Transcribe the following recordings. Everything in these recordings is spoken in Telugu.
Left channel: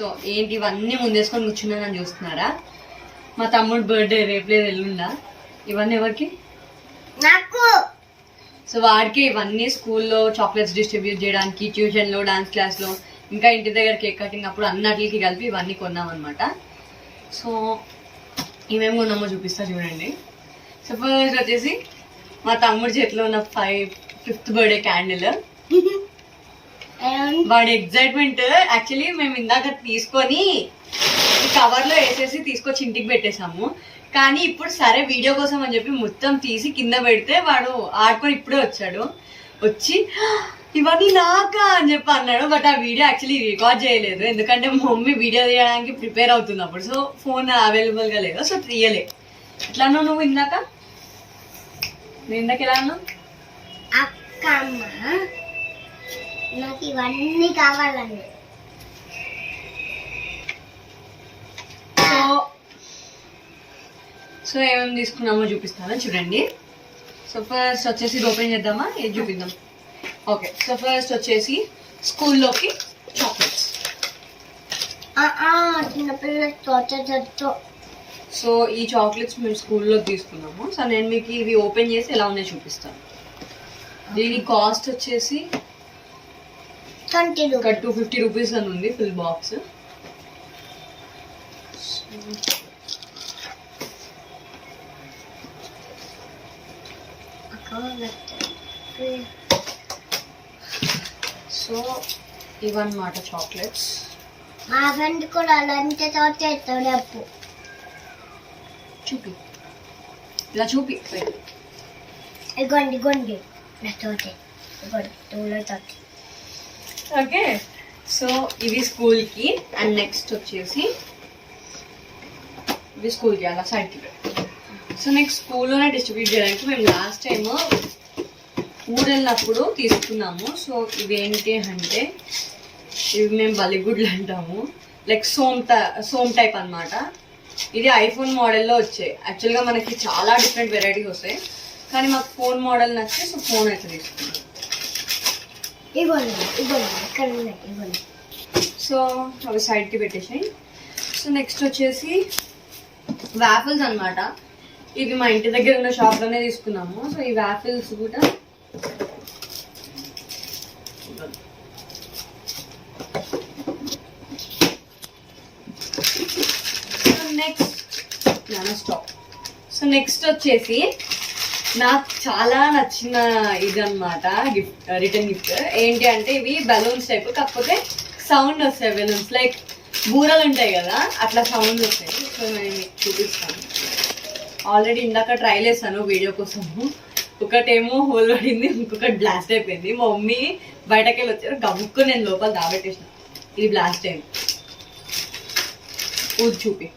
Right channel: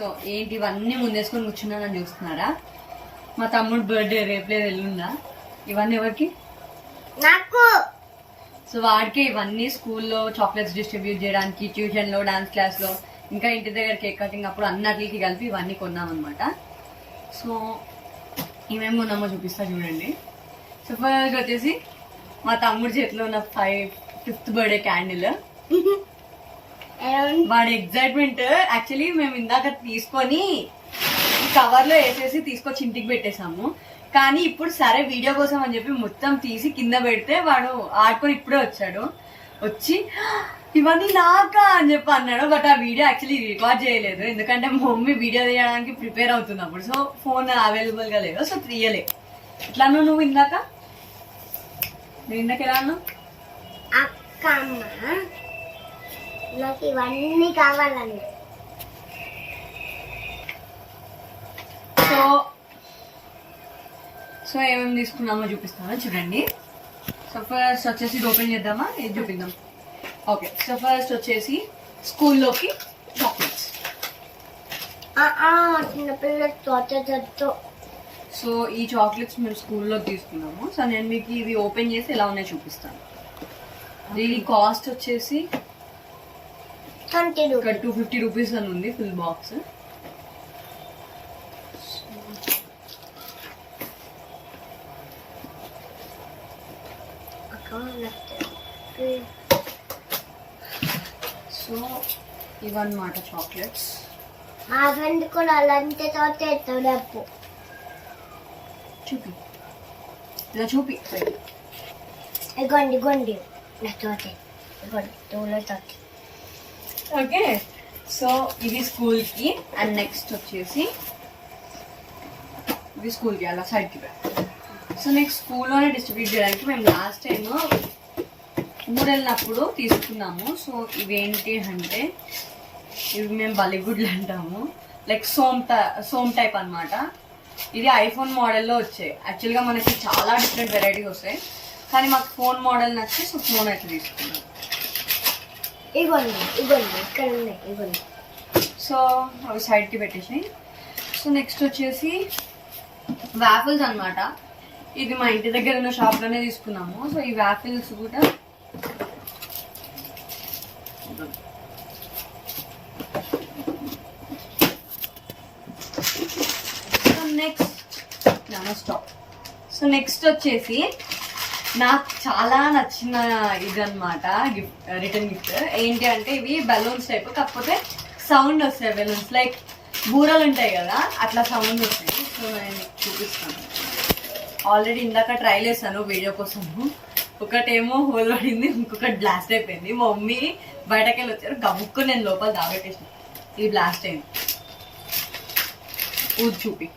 సో ఏంటి ఇవన్నీ ముందేసుకొని కూర్చున్నానని చూస్తున్నారా? మా తమ్ముడు బర్త్డే రేపులేదు ఎల్లుండా. ఇవన్నీ ఎవరికి? నాకు. సో వాడికి ఇవన్నీ స్కూల్లో చాక్లెట్స్ డిస్ట్రిబ్యూట్ చేయడానికి, ట్యూషన్లో, డాన్స్ క్లాస్లో, ఇంకా ఇంటి దగ్గర కేక్ కటింగ్ అప్పుడు అన్నిటికి కలిపి ఇవన్నీ కొన్నామన్నమాట. సో ఇవేం కొన్నామో చూపిస్తా చూడండి. సో ఫస్ట్ వచ్చేసి మా తమ్ముడి చేతిలో ఉన్న 5th బర్త్డే క్యాండిల్. వాడి ఎగ్జైట్మెంట్ యాక్చువల్లీ మేము ఇందాక తీసుకొని ఈ కవర్లో వేసేసి తీసుకొచ్చి ఇంటికి పెట్టేశాము. కానీ ఇప్పుడు సరే వీడియో కోసం అని చెప్పి మొత్తం తీసి కింద పెడితే వాడు ఆడుకొని ఇప్పుడే వచ్చాడు. వచ్చి ఇవన్నీ నాకా అని చెప్పి అన్నాడు. బట్ ఆ వీడియో యాక్చువల్లీ రికార్డ్ చేయలేదు, ఎందుకంటే మా మమ్మీ వీడియో తీయడానికి ప్రిపేర్ అవుతుంది అప్పుడు. సో ఫోన్ అవైలబుల్గా లేదు, సో తీయలే. ఎట్లా అన్నావు నువ్వు ఇందాక? నువ్వు ఇందాక ఎలా అన్నావు? అక్కమ్మ నాకు ఇవన్నీ కావాలండి. సో ఏమేమి తీసుకున్నామో చూపిస్తాను చూడండి. సో ఫస్ట్ వచ్చేసి ఇది ఓపెన్ చేద్దామా, ఇది చూపిద్దాం. ఓకే, సో ఫస్ట్ వచ్చేసి స్కూల్లోకి చాక్లెట్స్. చిన్నపిల్లలు. సో ఈ చాక్లెట్స్ మేము స్కూల్లో తీసుకున్నాము. సో నేను మీకు ఇవి ఓపెన్ చేసి ఎలా ఉన్నాయో చూపిస్తాను. దీని కాస్ట్ వచ్చేసి 250 రూపీస్ అని ఉంది ఫుల్ బాక్స్. సో ఇవన్నమాట చాక్లెట్స్. మా ఫ్రెండ్ కూడా అలాంటి చేస్తాడు. అప్పు చూపి, ఇలా చూపి. ఇగోండి నా తోటే ఓకే, సో ఇవి స్కూల్కి. అండ్ నెక్స్ట్ వచ్చేసి ఇవి స్కూల్కి అలా సైడ్కి పెట్టాం. సో నెక్స్ట్ స్కూల్లోనే డిస్ట్రిబ్యూట్ చేయడానికి మేము లాస్ట్ టైం ఊరు వెళ్ళినప్పుడు తీసుకున్నాము. సో ఇవేంటి అంటే ఇవి మేము బలిగుడ్లు అంటాము, లైక్ సోమ్ టైప్ అనమాట. ఇది ఐఫోన్ మోడల్లో వచ్చాయి. యాక్చువల్గా మనకి చాలా డిఫరెంట్ వెరైటీస్ వస్తాయి, కానీ మాకు ఫోన్ మోడల్ నచ్చి సో ఫోన్ అయితే తీసుకున్నాం. ఇవ్వండి. సో అవి సైడ్కి పెట్టేసాయి. సో నెక్స్ట్ వచ్చేసి వాఫిల్స్ అనమాట. ఇది మా ఇంటి దగ్గర ఉన్న షాప్లోనే తీసుకున్నాము. సో ఈ వాఫిల్స్ కూడా నెక్స్ట్ వచ్చేసి నాకు చాలా నచ్చిన ఇదన్నమాట గిఫ్ట్, రిటర్న్ గిఫ్ట్. ఏంటి అంటే ఇవి బెలూన్స్ టైప్, కాకపోతే సౌండ్ వస్తాయి. బెలూన్స్ లైక్ బూరలు ఉంటాయి కదా, అట్లా సౌండ్ వస్తాయి. సో నేను మీకు చూపిస్తాను. ఆల్రెడీ ఇందాక ట్రైల్ చేశాను వీడియో కోసము. ఒకటేమో హోల్ పడింది, ఇంకొకటి బ్లాస్ట్ అయిపోయింది. మా మమ్మీ బయటకెళ్ళి వచ్చారు, గబుక్కు నేను లోపల దాబెట్టేసిన. ఇది బ్లాస్ట్ అయింది. ఊది చూపి.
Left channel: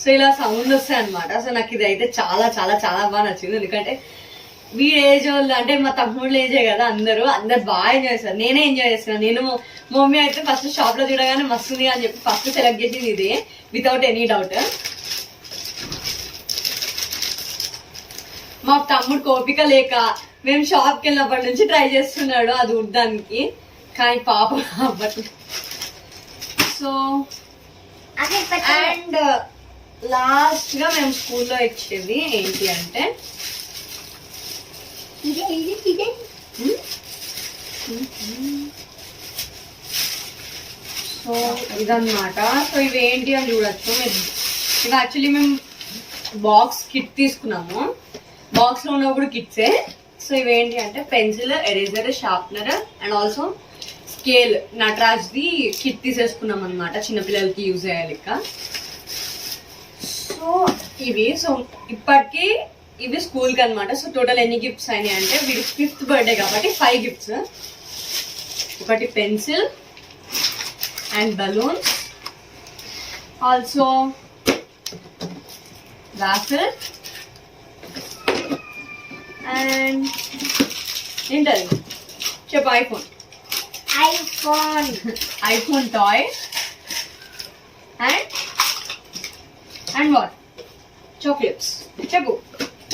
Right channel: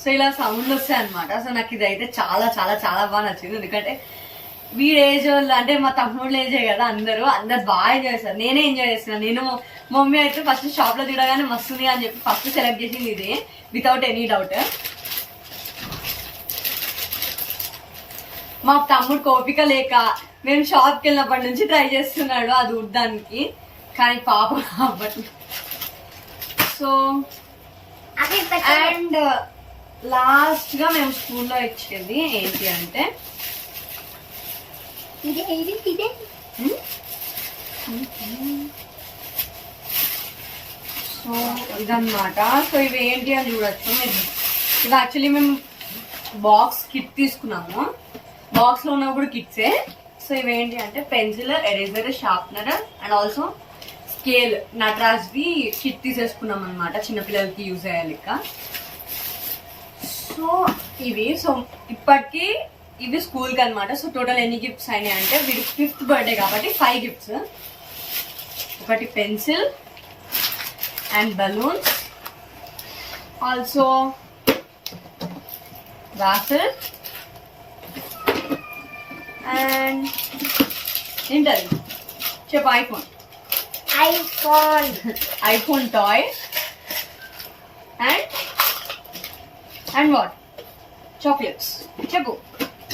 సో ఇలా సౌండ్ వస్తాయి అనమాట. సో నాకు ఇది అయితే చాలా చాలా చాలా బాగా నచ్చింది. ఎందుకంటే వీడి ఏజ్ వాళ్ళు అంటే మా తమ్ముళ్ళు ఏజే కదా, అందరూ బాగా ఎంజాయ్ చేస్తారు. నేనే ఎంజాయ్ చేస్తున్నాను. నేను మమ్మీ అయితే ఫస్ట్ షాప్ లో చూడగానే మస్తుంది అని చెప్పి ఫస్ట్ సెలెక్ట్ చేసింది ఇది, వితౌట్ ఎనీ డౌట్. మా తమ్ముడు కోపిక లేక మేము షాప్కి వెళ్ళినప్పటి నుంచి ట్రై చేస్తున్నాడు అది ఉడ్డానికి, కానీ పాపం అవ్వట్లేదు. సో అండ్ లాస్ట్ గా మేము స్కూల్లో ఇచ్చేది ఏంటి అంటే సో ఇదన్నమాట. సో ఇవి ఏంటి అని చూడొచ్చు. ఇవి యాక్చువల్లీ మేము బాక్స్ కిట్ తీసుకున్నాము. బాక్స్ లో ఉన్న కూడా కిట్సే. సో ఇవేంటి అంటే pencil, eraser, sharpener and also scale, నటరాజ్ది కిట్ తీసేసుకున్నాం అనమాట, చిన్నపిల్లలకి యూజ్ అయ్యాలి. సో ఇవి సో ఇప్పటికి ఇవి స్కూల్కి అనమాట. సో టోటల్ ఎన్ని గిఫ్ట్స్ అయినాయి అంటే వీడి 5th బర్త్డే కాబట్టి 5 గిఫ్ట్స్. ఒకటి pencil and balloons, also waffle and ఏంటది చెప్పు. IPhone toy and and what chocolates చెప్పు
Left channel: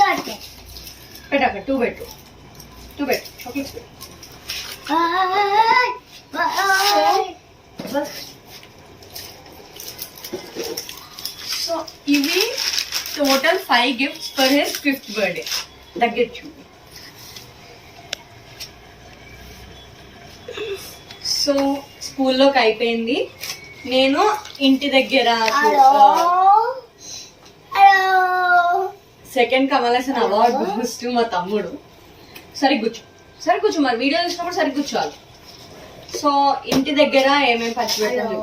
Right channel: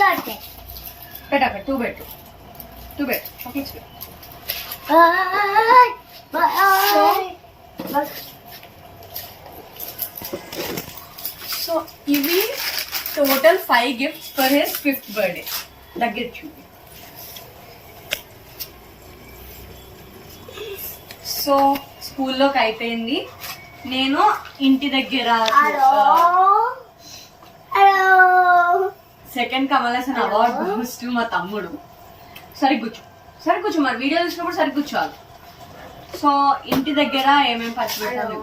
చాక్లెట్ పెట్టాక 2 పెట్టు చాక్లెట్స్ పెట్టు సో ఇవి total 5 gifts for his 5th birthday దగ్గర చూపి. సో స్కూల్లోకి అయిపోయింది. నేను ఇంటి దగ్గర second Kamal Haasan award goes to మా తమ్ముడు. సరి కూర్చో మరి వీడియో చూసినప్పుడు సరి కూర్చోవాలి. సో ఇంటి దగ్గర ఏమేమి పచ్చిపెట్టాలి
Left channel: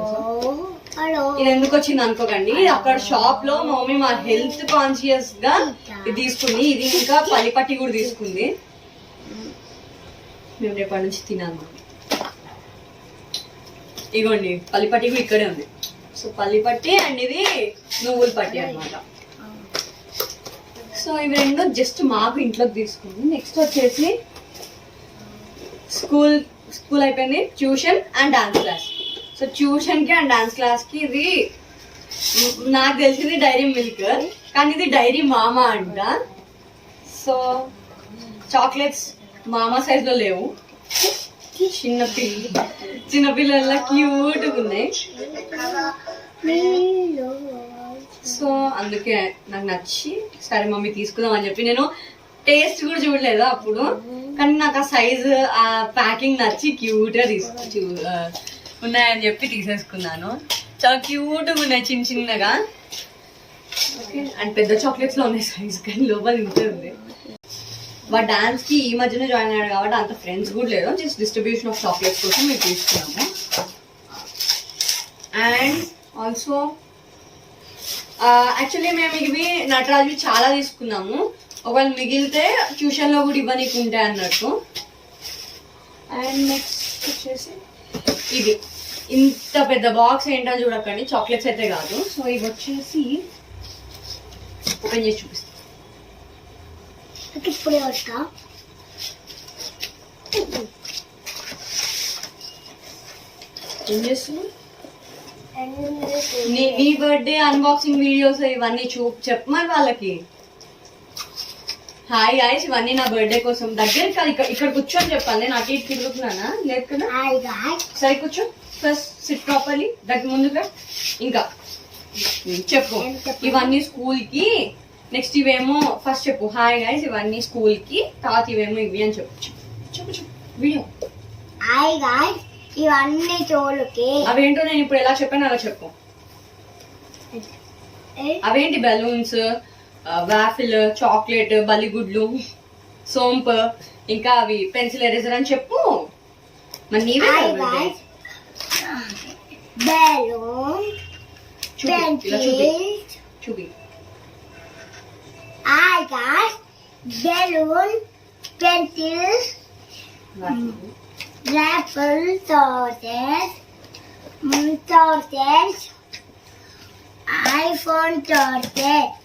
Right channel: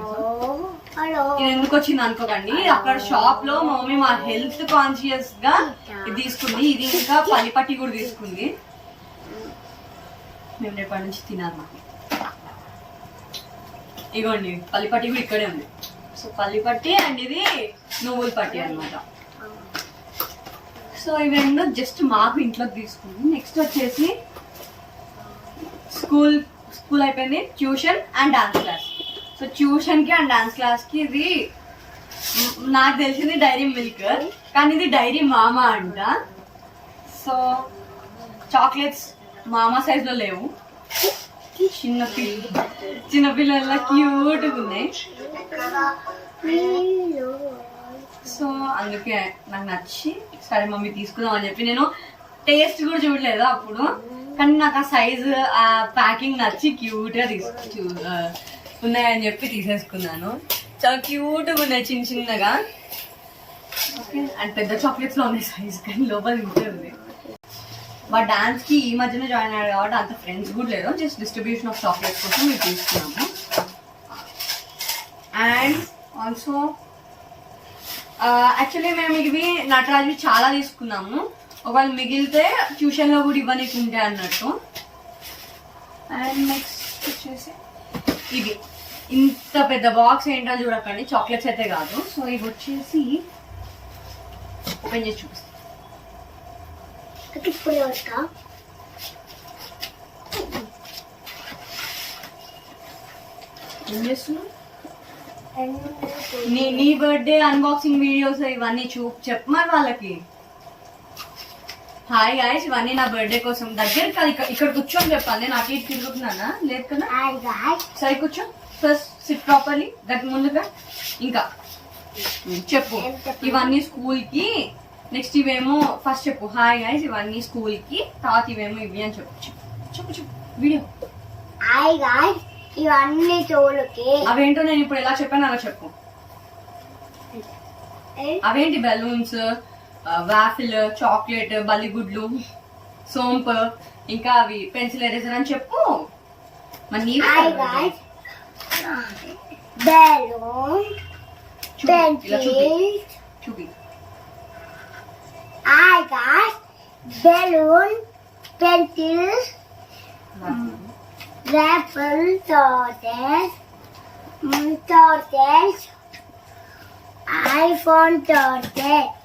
ఇది ఎందుకు వచ్చింది అనుకోకండి. అక్కడ షాప్ లో మా మమ్మీ మా హెల్త్ కాన్షియస్ గా ఇది తీసుకుంది. ఇది ఇంకా పల్లిపట్టి కూడా తీసుకుంది. మేము రేపటి నుంచి తినాలన్నమాట. ఇగోండి పల్లిపట్టి కూడా ఇక్కడే ఉంది. సో పల్లిపట్టి అండ్ ఇది నువ్వుల పట్టి అనమాట. సో ఇవి రెండు జస్ట్ మాకు ఇంట్లోకి తీసుకుంది. నెక్స్ట్ వచ్చేసి స్కూల్ అయిపోయింది. Tuition and dance class. So tuition కి అండ్ డాన్స్ క్లాస్ కి ఇది నాకు తెలిసింది డైరీ మిల్క్, కానీ ఇది డైరీ మామా అంట. సో చాక్లెట్స్ మామా సైజ్ లో లేవు, చిన్నపిల్లల క్యూట్ ఉన్నాయి. సో అందుకే నాకు నచ్చి సరే మమ్మీ తీసుకుందాం అని చెప్పి నేను టేస్ట్ కూడా చూడలేదు అప్పుడు, కానీ నాకు ఆ సైజు ఆ ప్యాకింగ్ నచ్చి క్యూట్ గా ఉన్నాయని చెప్పి తీసేసుకున్నాను. చాలా క్యూట్ గా ఉన్నాయి చిన్నగా. ఓకే అండ్ పెద్ద చాక్లెట్స్ లో ఉన్నాయి సైజ్, కానీ లోపల ఉంటుంది. వాడు డాన్స్ కి ఈ మధ్యన జాయిన్ అయ్యాడు కాబట్టి అంత ఫ్రెండ్స్ కూడా లేదు. జస్ట్ డిస్ట్రిబ్యూషన్ ఆఫ్ చాక్లెట్స్ కోసం మేము తీసుకున్నాము. అండ్ ఆల్సో యాక్చువల్లీ మేము ఇవి నటరాజు చాలా తీసుకున్నాము. ఒకవేళ మిగిలితే ట్యూషన్ లో కూడా ఇవ్వనీకి ఉంటాయి అన్నట్టు. అండ్ నెక్స్ట్ వచ్చేసి ఇది ఇంత పెద్ద బాక్స్ ఏంటో చూడకండి, చాక్లెట్స్ అయితే కాదు. సో ఇవి వచ్చేసి ఓపెన్ చేసి చూపిస్తాను. ఏం చేస్తున్నావు? నీ బర్త్డే అన్బాక్సింగ్ వీడియోస్ ఇవన్నీ చెప్పమని వాళ్ళకి. హాయ్ గాయ్స్, ఇవన్నీ నా బర్త్డే కోసం. దగ్గర కాదు, ఇక్కడ కూర్చొని చెప్పాలి. నేను అటు ఇటు తిరుగుతున్నానా? లేదు కదా. సరే కూర్చో, ఫస్ట్ సిట్ ప్రాపర్లీ. దగ్గర ముందుగా ఇంకా చెప్పు ఇవన్నీ స్కూల్ కి. నెక్స్ట్ ఇవేమో ఫస్ట్ చెప్పు హాయ్ గాయ్స్ ఇవన్నీ స్కూల్ కి, తర్వాత ఇవేమో ఇవి అని చెప్పు. చెప్పు వీడియో. హాయ్ గాయ్స్ ఇవన్నీ చోళ్ళకి. అవేంటో నేను ఇప్పుడు ఎలా చెప్పాను అలా చెప్పు. అవేంటి? బెలూన్స్, వాఫిల్, చాక్లెట్, బల్లిగుడ్లు, సోంపు, ఇంకా అవి పెన్సిల్ ఎరేజర్ అని చెప్పు. మరి నీవే బెలూన్, పెన్సిల్ చూపి. Hi guys balloon, pencil, raffle tortoise, iPhone tortoise.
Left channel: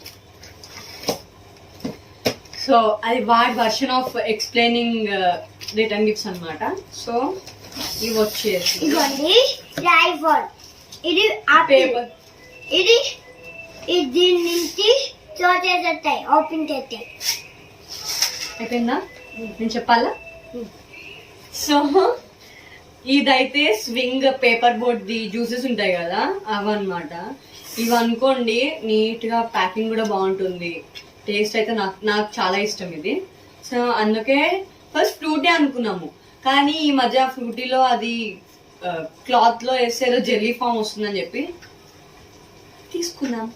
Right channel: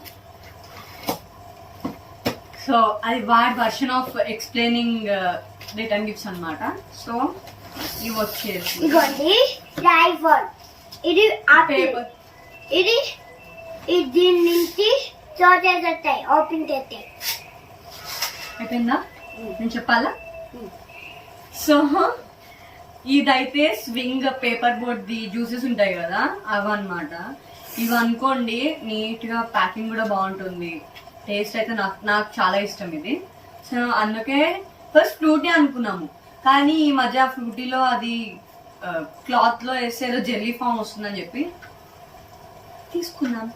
So అది వాడి version of explaining return gifts అన్నమాట. సో ఇవి వచ్చేసి ఇదిగోండి ఐఫోన్. ఇది పేపర్. ఇది దీని నుంచి tortoise వస్తాయి, ఓపెన్ చేస్తే. అయిపోయిందా? నేను చెప్పాలా? సో ఇదైతే swing paper board the juices ఉంటాయి కదా అవన్నమాట. ఇవి అనుకోండి నీట్ గా ప్యాకింగ్ కూడా బాగుంటుంది. టేస్ట్ అయితే నాకు చాలా ఇష్టం ఇది. సో అందుకే ఫస్ట్ ఫ్రూటీ అనుకున్నాము, కానీ ఈ మధ్య ఫ్రూటీలో అది క్లాత్ లో వేస్తే ఏదో జెల్లీ ఫామ్ వస్తుందని చెప్పి తీసుకున్నాం.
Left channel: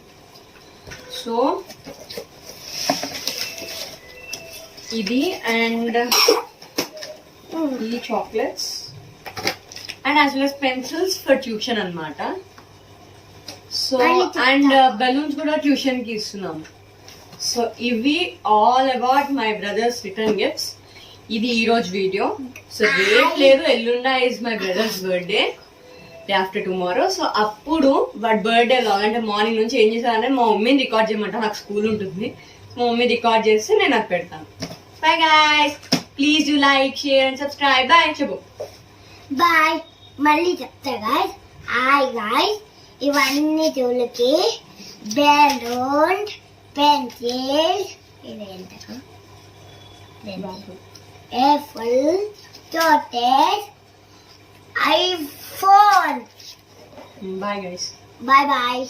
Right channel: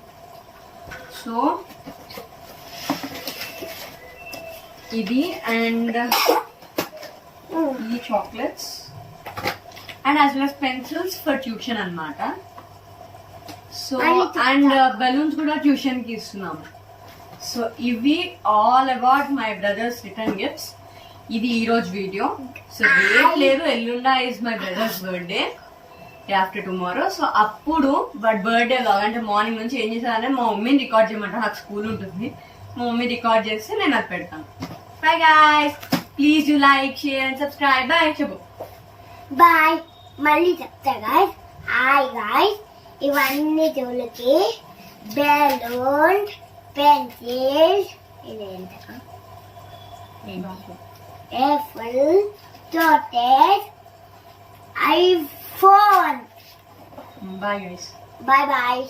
సో ఇది అండ్ ఈ chocolates and as well as pencils for tuition అన్నమాట. సో అండ్ బెలూన్స్ కూడా ట్యూషన్ కి ఇస్తున్నాము. సో ఇవి all about my brothers return gifts. ఇది ఈ రోజు వీడియో. సో రేపు లేదు, ఎల్లుండా is my brothers birthday, day after tomorrow. So అప్పుడు వాడి బర్త్డే లాగా అంటే మార్నింగ్ నుంచి ఏం చేశానంటే మా మమ్మీని రికార్డ్ చేయమంట. నాకు స్కూల్ ఉంటుంది, మా మమ్మీ రికార్డ్ చేస్తే నేను అది పెడతాను. Bye guys, please do like, share and subscribe. Bye చెప్పు. బాయ్. మళ్ళీ చెప్తా గాయ్స్. హాయ్ గాయ్స్ ఇవన్నీ చెవులకి బెలూన్ పెన్సిల్ ఇదేంటో apple chocolate iPhone bye guys bye bye